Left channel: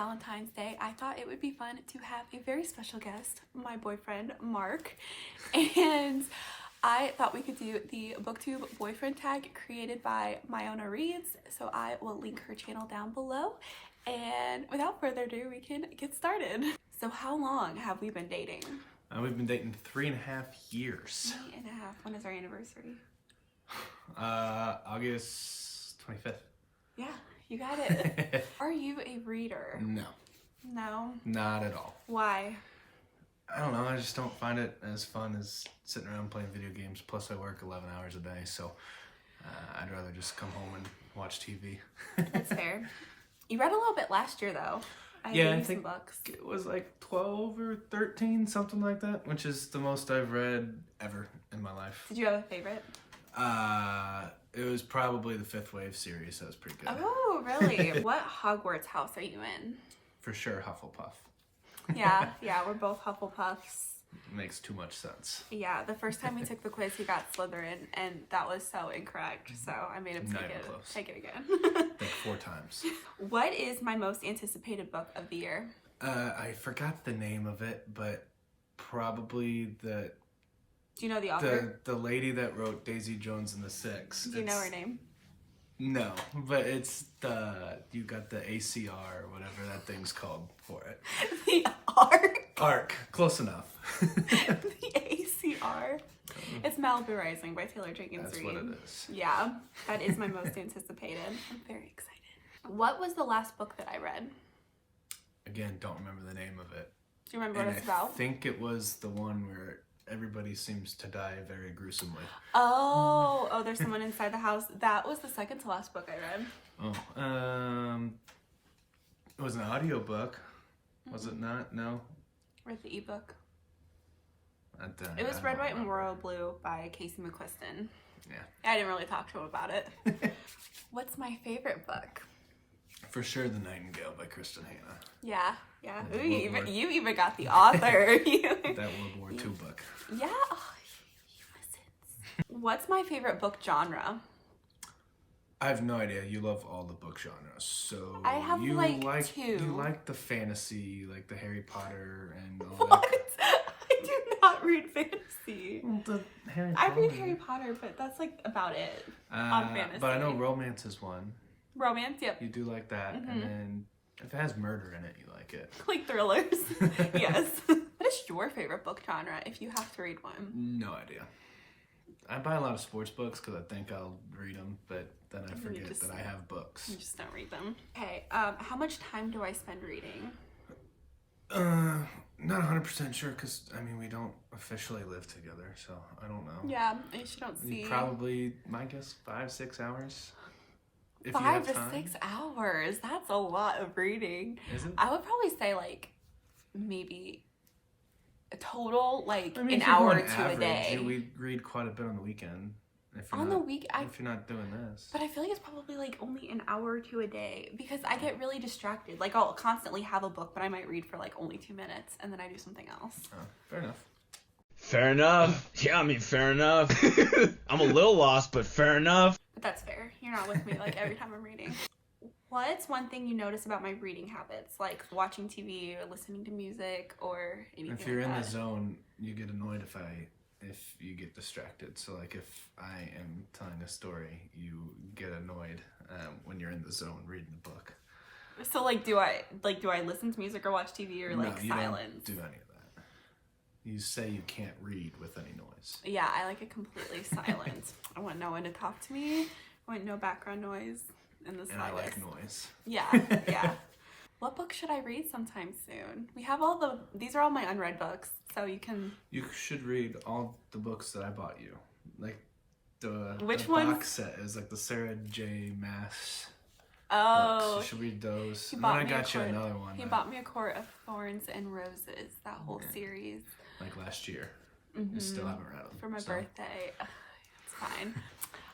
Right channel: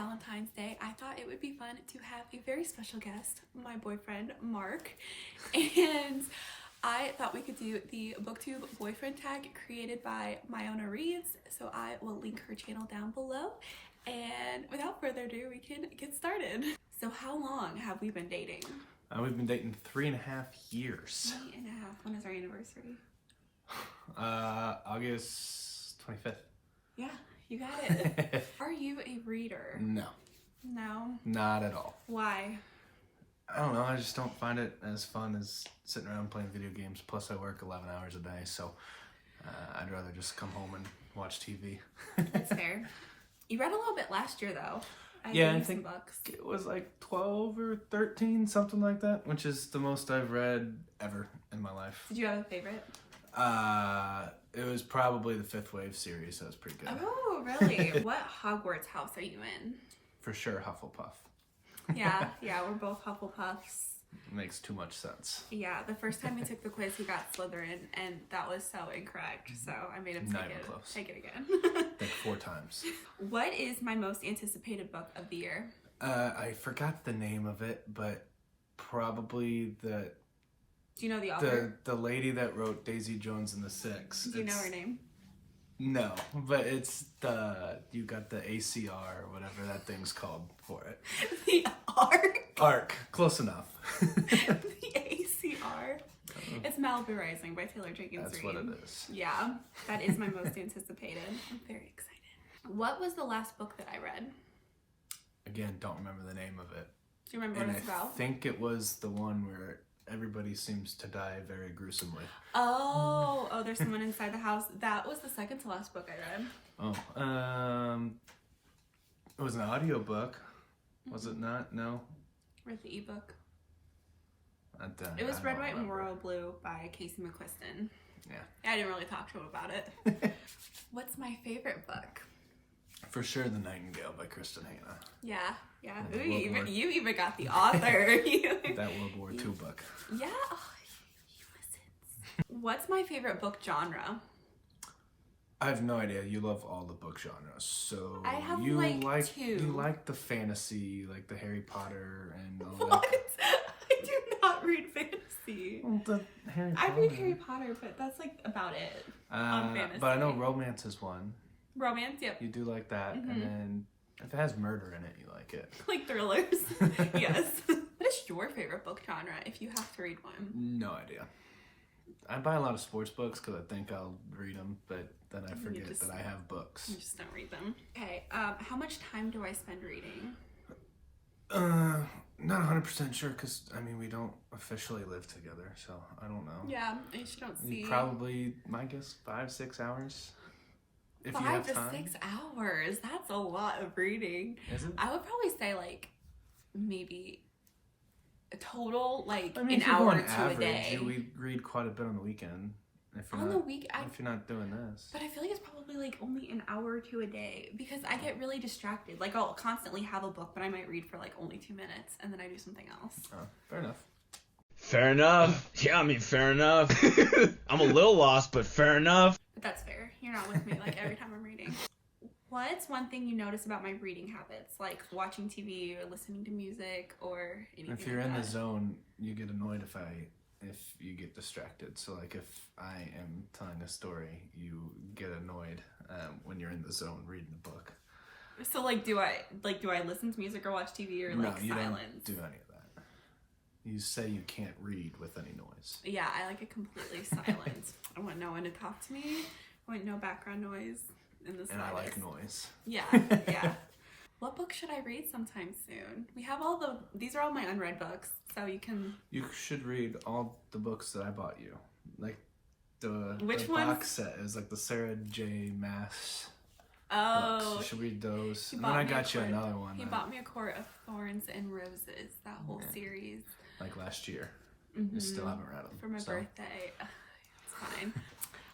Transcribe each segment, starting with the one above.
Valentine's Day, I thought it would be fun to have a very special guest, my boyfriend, Mark. And I thought we could do the Booktube Boyfriend Tag created by Myona Reads. So I will link her channel down below. And without further ado, we can get started. So how long have we been dating? We've been dating 3.5 years. 3.5. When is our anniversary? August 25th. Yeah, you got it. Are you a reader? No. No? Not at all. Why? I don't know. I just don't find it as fun as sitting around playing video games. Plus, I work 11 hours a day, so I'd rather just come home and watch TV. That's fair. You read a little bit last year, though. I think it was like 12 or 13, something like that, which is the most I've read ever in my life. Did you have a favorite? It was probably the Fifth Wave series. That was pretty good. Oh, really? What Hogwarts house are you in? For sure, Hufflepuff. Yeah, we're both Hufflepuffs. Makes too much sense. Yeah, the first time we took the quiz, we got Slytherin, and that was so incorrect. So I made him take it again. I think 4 times. What is my most anticipated book of the year? I forgot the name of it, but probably the. Do you know the author? The lady that wrote Daisy Jones and the Six. Do you know her name? No, but it's you got the ACR or whatever that thing's called for it. The ARC? ARC, close enough. The ACR? It's Malibu Rising by Taylor Jenkins That's Reid. what it is. Yeah, that is my most anticipated. I'm very excited. What was the last book that I read? Again, don't remember the name of it. Do you remember what it's about? I think it was the one where everybody seems to die very gruesomely. Oh, there's someone inside the house. That was the second to last book I read. Oh, it was an audiobook. Was it not? No? Or the ebook. It was Red, White, and Royal Blue by Casey McQuiston. Yeah. I didn't really talk to him about it. What's my favorite book? For sure, The Nightingale by Kristen Hanna. Yeah. You even got the author. That World War II book. Yeah. Oh, what's my favorite book genre? I have no idea. You love all the book genres, so I have you like 2. You like the fantasy, like the Harry Potter and all what? that. I do not read fantasy. Well, the Harry Potter. I read Harry Potter, but that's like about it. On fantasy. But I know romance is one. Romance, yep. You do like that, and then if it has murder in it, you like it. Like thrillers. Yes. What is your favorite book genre if you have to read one? No idea. I buy a lot of sports books because I think I'll read them, but then I forget that I have books. You just don't read them. Okay, how much time do I spend reading? Not 100% sure because, I mean, we don't officially live together, so I don't know. Yeah, I just don't see. Probably, my guess, 5-6 hours. If you have time. 5 to 6 hours. That's a lot of reading. Is it? I would probably say like maybe a total like I mean, an if you're hour going to average, a day. we read quite a bit on the weekend. If you're if you're not doing this. But I feel like it's probably like only an hour to a day because I get really distracted. Like I'll constantly have a book, but I might read for like only 2 minutes and then I do something else. Oh, fair enough. Fair enough. Yeah, I mean, fair enough. I'm a little lost, but fair enough. But that's fair. You're not with me like every time I'm reading. What's one thing you notice about my reading habits? Like watching TV or listening to music or anything If you're like in that? the zone, you get annoyed if you get distracted. So like if I am telling a story, you get annoyed when you're in the zone reading the book. So like do I listen to music or watch TV or like no, you silence? don't do any of that. You say you can't read with any noise. Yeah, I like it completely silent. I want no one to talk to me. I want no background noise in the And I like noise. Yeah. What book should I read sometime soon? We have these are all my unread books, so you can. You should read all the books that I bought you. Like the Which box set is like the Sarah J. Maas books. You should read those. And then I got you another one. He bought me A Court of Thorns and Roses, that whole series. Like last year. I still haven't read them. For my birthday. Ugh, it's fine.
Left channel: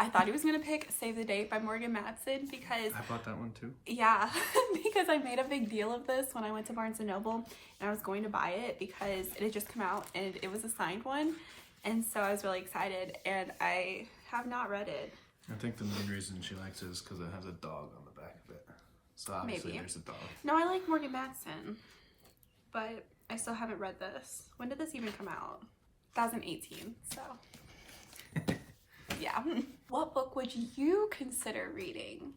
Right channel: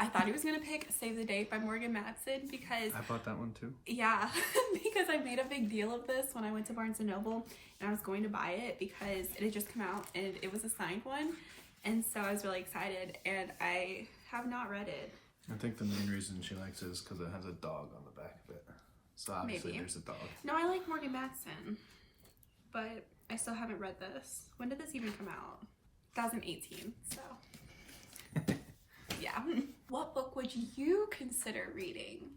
I thought he was going to pick Save the Date by Morgan Matson because... I bought that one too. Yeah, because I made a big deal of this when I went to Barnes & Noble and I was going to buy it because it had just come out and it was a signed one. And so I was really excited and I have not read it. I think the main reason she likes it is because it has a dog on the back of it. So obviously Maybe. there's a dog. No, I like Morgan Matson, but I still haven't read this. When did this even come out? 2018, so. Yeah. What book would you consider reading?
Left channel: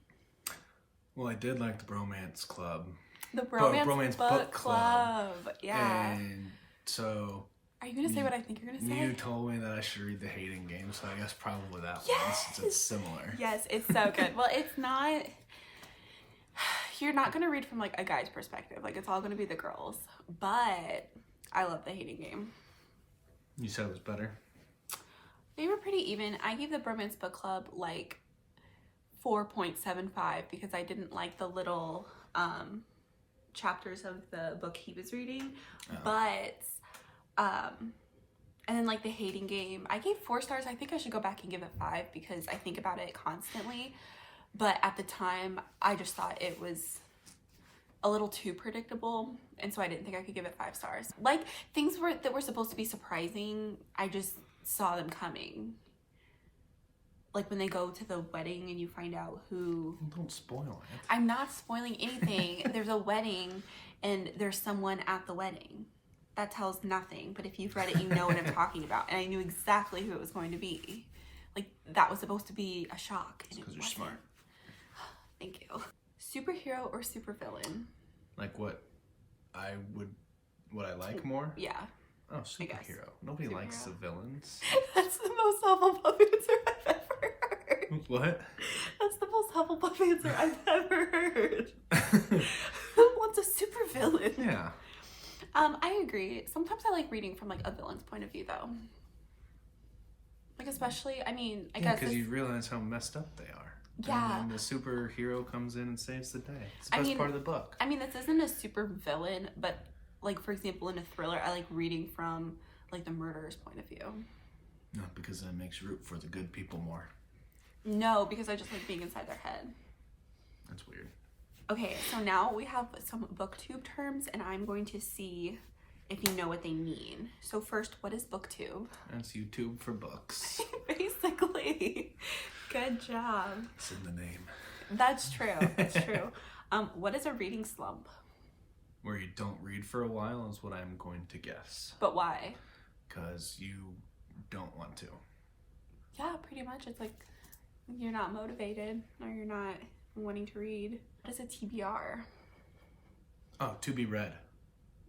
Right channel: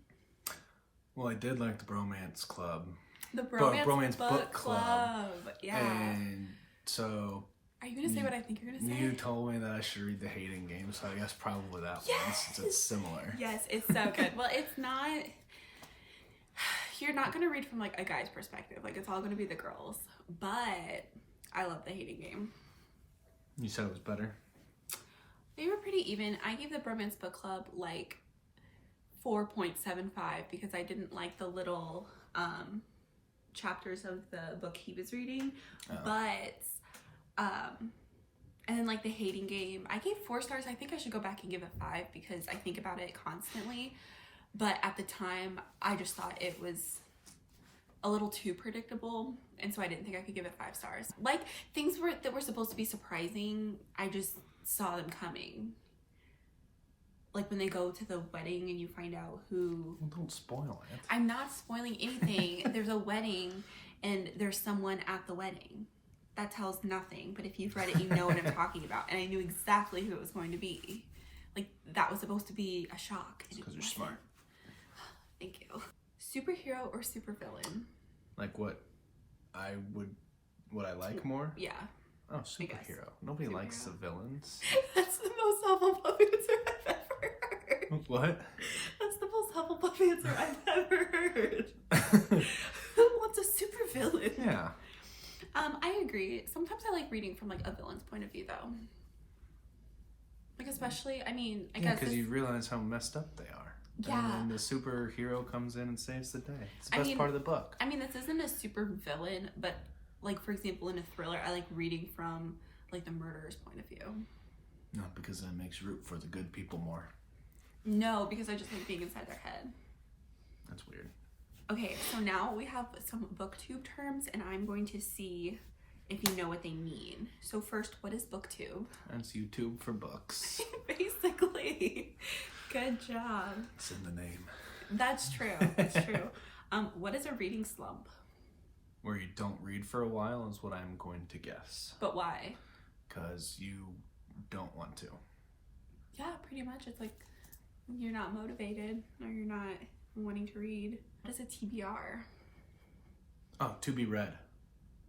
Well, I did like the Bromance Club. The Bromance Book Club. Yeah. And so Are you going to say what I think you're going to say? you told me that I should read The Hating Game, so I guess probably that one, since it's similar. Yes, it's so good. Well, it's not... You're not going to read from, like, a guy's perspective. Like, it's all going to be the girls. But I love The Hating Game. You said it was better? They were pretty even. I gave the Bromance Book Club, like, 4.75 because I didn't like the little chapters of the book he was reading. Oh. But, and then, like, The Hating Game, I gave 4 stars. I think I should go back and give it 5 because I think about it constantly. But at the time, I just thought it was a little too predictable, and so I didn't think I could give it 5 stars. Like, things that were supposed to be surprising, I just saw them coming. Like, when they go to the wedding and you find out who... Well, don't spoil it. I'm not spoiling anything. There's a wedding, and there's someone at the wedding. That tells nothing, but if you've read it, you know what I'm talking about. And I knew exactly who it was going to be. Like, that was supposed to be a shock. It's because you're smart. Thank you. Superhero or supervillain? Like what I like more? Yeah. Oh, superhero. Nobody likes the villains. That's the most Hufflepuff answer I've ever heard. What? That's the most Hufflepuff answer I've ever heard. Who wants a supervillain? Yeah. I agree. Sometimes I like reading from, like, a villain's point of view, though. Like, especially, I mean, I guess... because you realize how messed up they are. Yeah. And then the superhero comes in and saves the day. It's the best part of the book. I mean, this isn't a super villain, but, like, for example, in a thriller, I like reading from, like, the murderer's point of view. No, because that makes you root for the good people more. No, because I just like being inside their head. That's weird. Okay, so now we have some booktube terms, and I'm going to see if you know what they mean. So first, what is booktube? That's YouTube for books. Basically. Good job. It's in the name. That's true. That's true. What is a reading slump? Where you don't read for a while is what I'm going to guess. But why? Because you don't want to. Yeah, pretty much. It's like you're not motivated or you're not wanting to read. What is a TBR? Oh, to be read.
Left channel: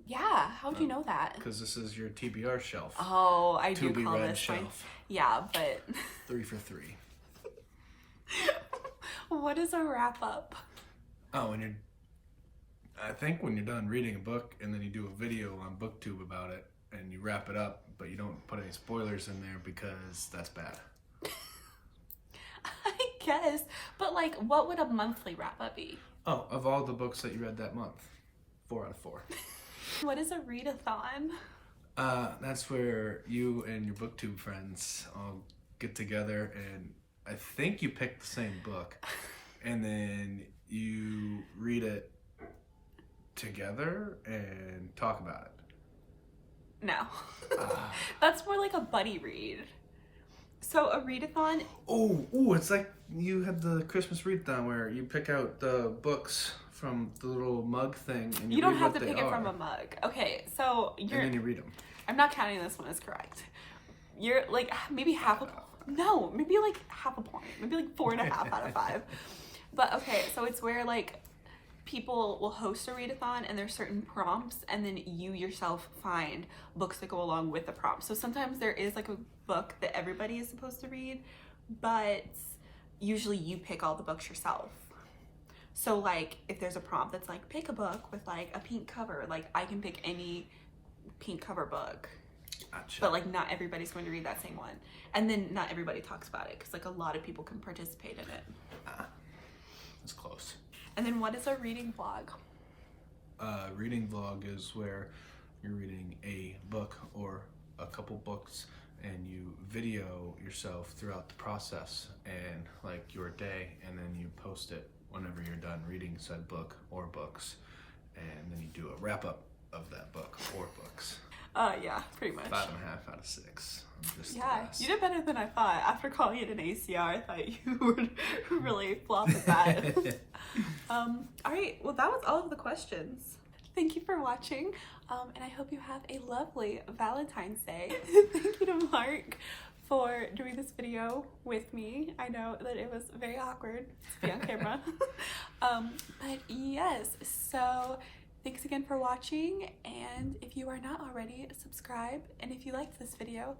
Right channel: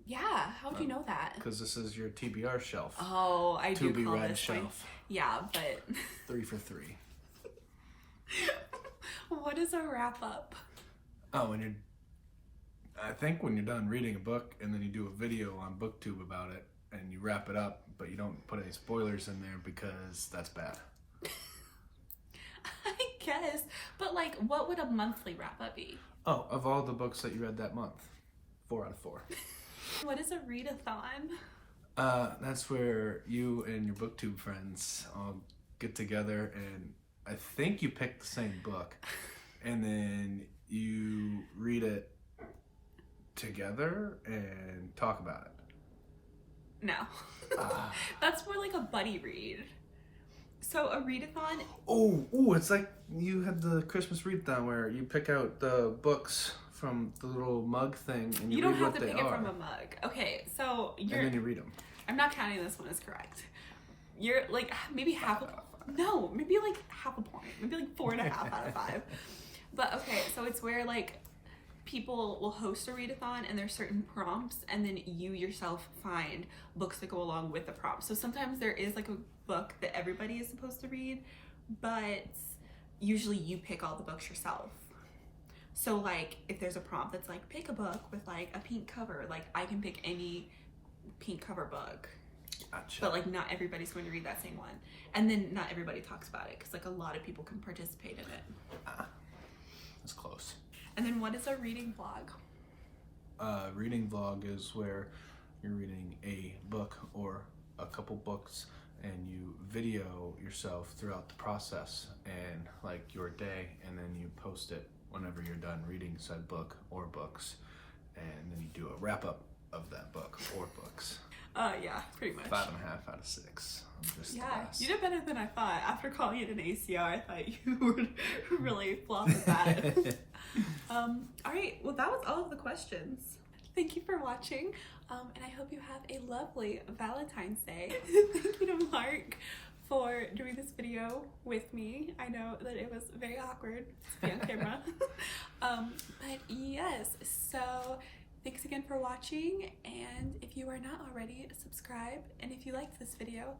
Yeah, how'd you know that? Because this is your TBR shelf. Oh, I do To be call read this, shelf. like, yeah, but 3 for 3. what is a wrap up? Oh, I think when you're done reading a book and then you do a video on Booktube about it and you wrap it up, but you don't put any spoilers in there because that's bad. I guess, but like, what would a monthly wrap up be? Oh, of all the books that you read that month, 4 out of 4. What is a readathon? That's where you and your Booktube friends all get together and I think you pick the same book and then you read it together and talk about it. No. That's more like a buddy read. So a readathon... Oh, it's like you had the Christmas readathon where you pick out the books from the little mug thing and you read what they are. You don't have to pick it from a mug. Okay, so and then you read them. I'm not counting this one as correct. You're like maybe half a... No, maybe like half a point. Maybe like 4.5 out of 5. But okay, so it's where like people will host a readathon and there's certain prompts and then you yourself find books that go along with the prompts. So sometimes there is like a book that everybody is supposed to read, but usually you pick all the books yourself. So like if there's a prompt that's like pick a book with like a pink cover, like I can pick any pink cover book. Gotcha. But like not everybody's going to read that same one. And then not everybody talks about it because like a lot of people can participate in it. That's close. And then what is a reading vlog? Reading vlog is where you're reading a book or a couple books and you video yourself throughout the process and like your day and then you post it whenever you're done reading said book or books and then you do a wrap up of that book or books. Yeah, pretty much. 5.5 out of 6. I'm just the best. You did better than I thought. After calling it an ACR, I thought you would really flop at that. Alright, well that was all of the questions. Thank you for watching, and I hope you have a lovely Valentine's Day. Thank you to Mark for doing this video with me. I know that it was very awkward to be on camera. But yes, so thanks again for watching, and if you are not already, subscribe, and if you liked this video,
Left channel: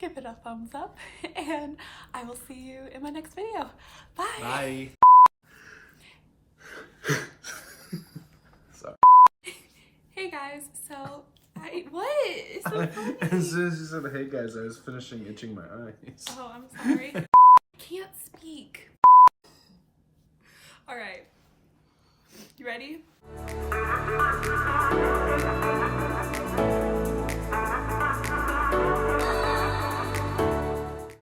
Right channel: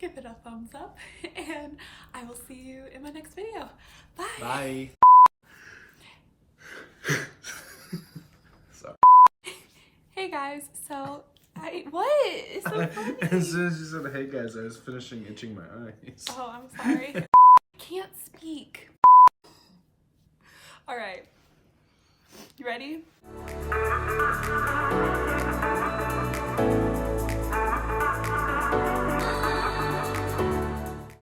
give it a thumbs up, and I will see you in my next video. Bye! Bye! Sorry. Hey guys, so what? It's so funny. As soon as you said hey guys, I was finishing itching my eyes. Oh, I'm sorry. I can't speak. Alright. You ready?